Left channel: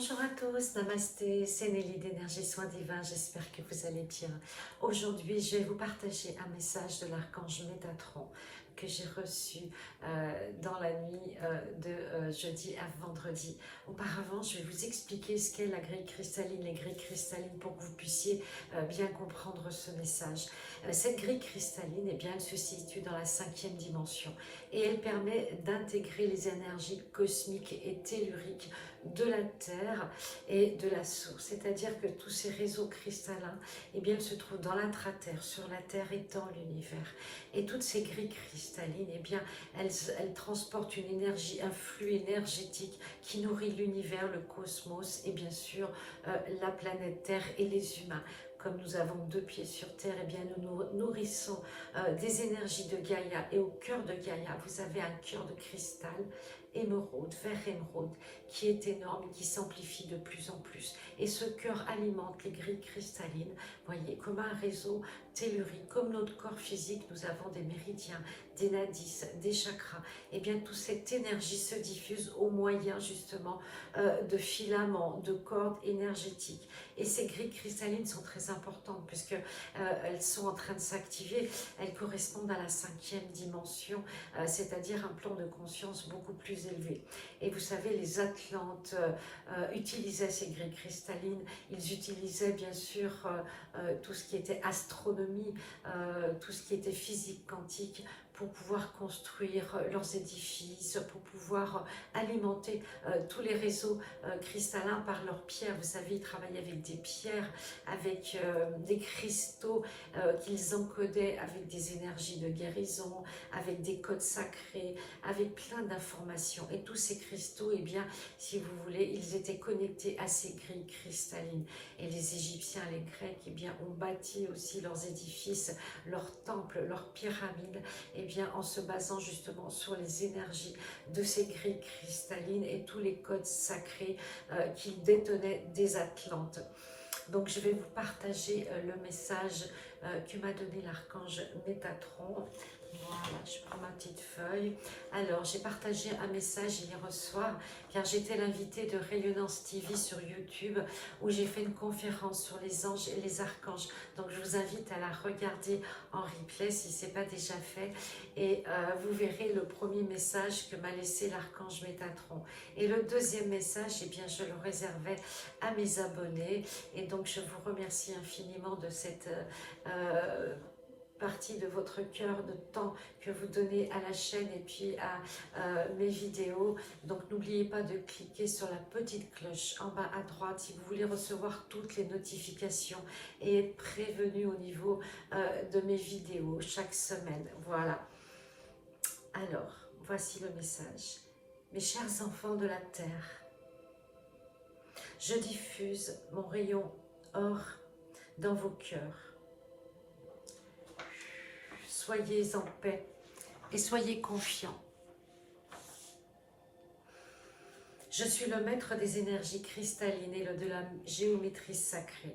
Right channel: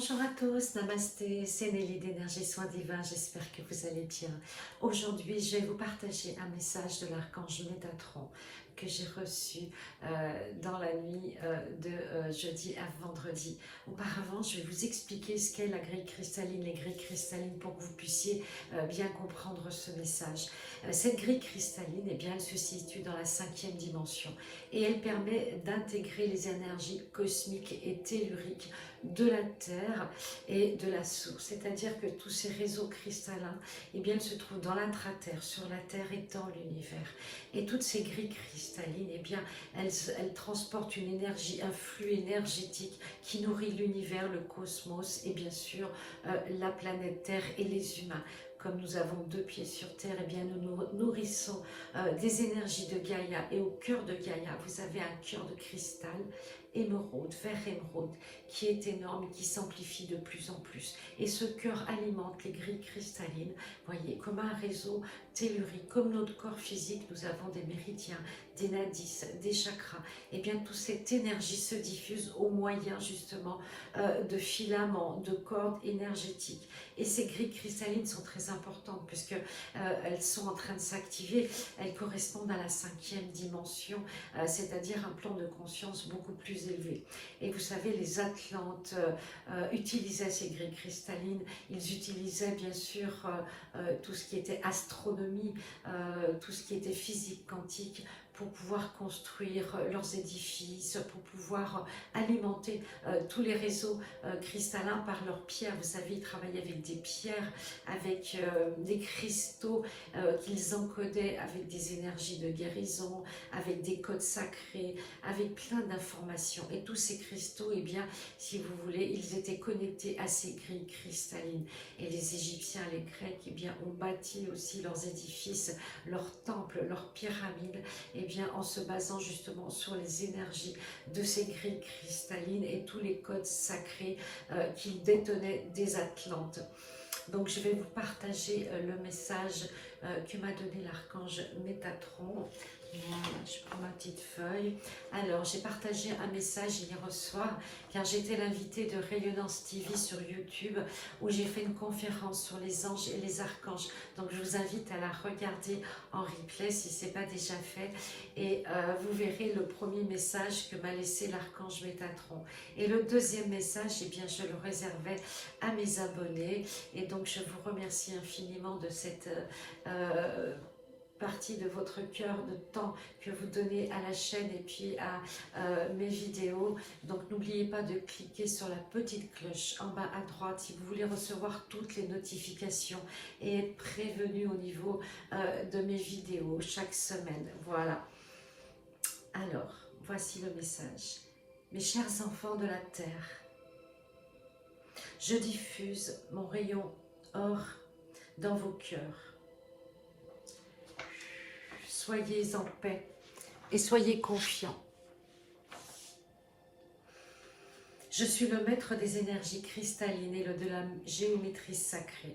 Bonjour à tous, namasté, c'est Nelly d'Énergie Soins Divins, j'espère que vous allez bien. Aujourd'hui, je vais vous partager un message de l'archange Métatron que j'ai reçu dans la nuit de jeudi à vendredi. Auparavant, je vais vous expliquer ce qu'est la grille cristalline, les grilles cristallines, pour que vous puissiez bien comprendre ce message. Cette grille cristalline, eh bien, elle se situe dans la 5e dimension et elle permet d'intégrer les énergies cosmiques et telluriques de la Terre et de la source. C'est-à-dire que tous ces réseaux cristallins, eh bien, ils se trouvent dans l'intra-terre, sur la Terre et dans l'univers. Et toutes ces grilles cristallines, eh bien, elles transportent une énergie, un flux énergétique qui nourrit l'univers, le cosmos et bien sûr la planète Terre et les humains. Comme nous avons 2 pieds sur Terre, eh bien nous nous nourrissons des énergies de Gaïa. Et au cœur de Gaïa, vous avez un cœur de cristal, émeraude, vert émeraude, qui est énorme, qui s'amplifie de plus en plus. Et ce cœur alimente les grilles cristallines, voyez, comme un réseau tellurique, comme notre corps physique, nous avons des méridiens, des nadis, des chakras. Et bien toute cette énergie se diffuse au moyen justement de filaments, de cordes énergétiques. Et ces grilles cristallines sont très importantes puisque elles sont en train de s'activer. Elles correspondent à la 5e dimension, c'est-à-dire un plan de conscience beaucoup plus élevé. Et vous savez, les Atlantes utilisaient ces grilles cristallines. Ils utilisaient bien sûr tout ce qui était astronomie, tout ce qui était physique quantique, pour pouvoir construire leurs édifices, pour pouvoir alimenter tous les réseaux cristallins par leurs pierres. Vous savez, ils travaillaient avec des pierres, avec des cristaux qu'ils encodaient avec des énergies de guérison, avec des codes sacrés, avec plein d'informations. Et tous ces cristaux, eh bien, si vous voulez, ils étaient connectés à ces grilles cristallines. Et les Égyptiens, les Grecs, eh bien, ont bâti aussi leurs édifices, leurs temples, leurs pyramides, eh bien, en se basant justement sur les énergies de ces grilles cristallines et tous les codes sacrés qu'ils détenaient des Atlantes. Donc je vais vous partager le message que m'a donné l'archange Métatron. Voilà, je prends ma petite feuille. Alors, j'ai partagé un message hier soir, car j'étais l'invitée de Rayonnance TV sur YouTube, où j'ai fait une conférence sur les anges et les archanges. Donc, je vous invite à la regarder en replay si ce n'est pas déjà fait. Et vous verrez le premier message que m'a laissé l'archange Métatron. Et le deuxième message, eh bien, je le réservais à mes abonnés. Et donc, je vous remercie infiniment de cette partie de votre cœur, de temps que vous donnez à la chaîne et puis à mes vidéos. Donc n'oubliez pas de cliquer sur la petite cloche en bas à droite si vous voulez recevoir toutes les notifications et être prévenu au niveau de mes vidéos chaque semaine. Voilà. Alors, voici le message. Mes chers enfants de la terre, je diffuse mon rayon or dans vos cœurs. Soyez en paix et soyez confiants. Je suis le maître des énergies cristallines et de la géométrie sacrée.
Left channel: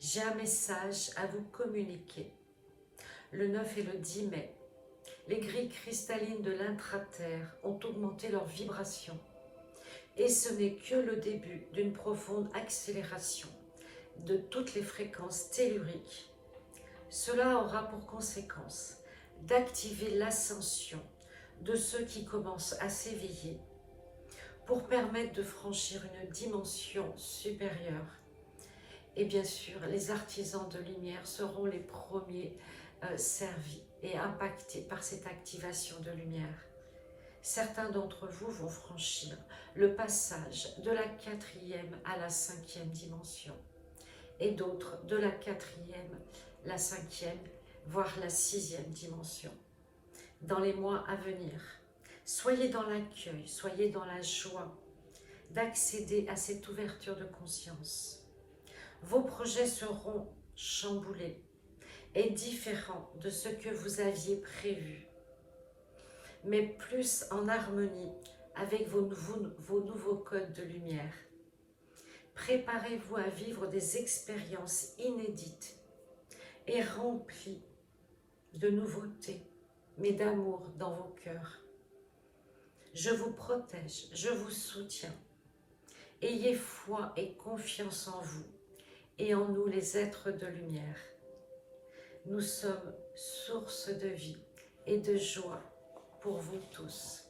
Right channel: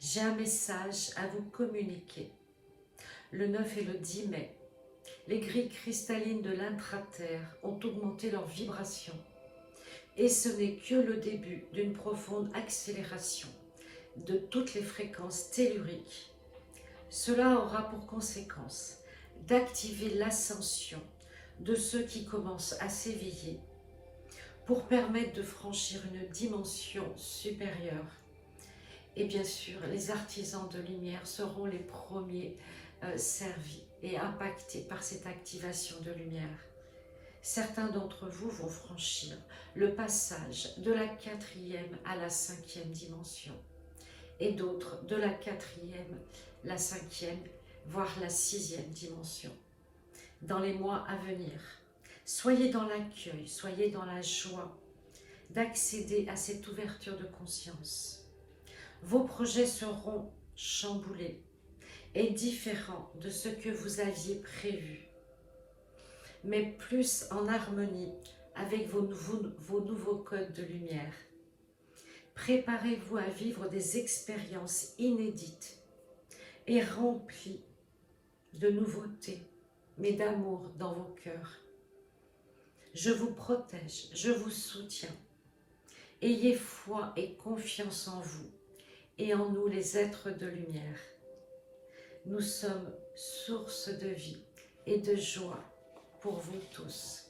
J'ai un message à vous communiquer. Le 9 et le 10 mai, les grilles cristallines de l'intra-terre ont augmenté leur vibration. Et ce n'est que le début d'une profonde accélération de toutes les fréquences telluriques. Cela aura pour conséquence d'activer l'ascension de ceux qui commencent à s'éveiller pour permettre de franchir une dimension supérieure. Et bien sûr, les artisans de lumière seront les premiers servis et impactés par cette activation de lumière. Certains d'entre vous vont franchir le passage de la 4e à la 5e dimension et d'autres de la 4e, la 5e, voire la 6e dimension. Dans les mois à venir, soyez dans l'accueil, soyez dans la joie d'accéder à cette ouverture de conscience. Vos projets seront chamboulés et différents de ce que vous aviez prévu, mais plus en harmonie avec vos nouveaux codes de lumière. Préparez-vous à vivre des expériences inédites et remplies de nouveautés, mais d'amour dans vos cœurs. Je vous protège, je vous soutiens Ayez foi et confiance en vous et en nous les êtres de lumière. Nous sommes source de vie et de joie pour vous tous.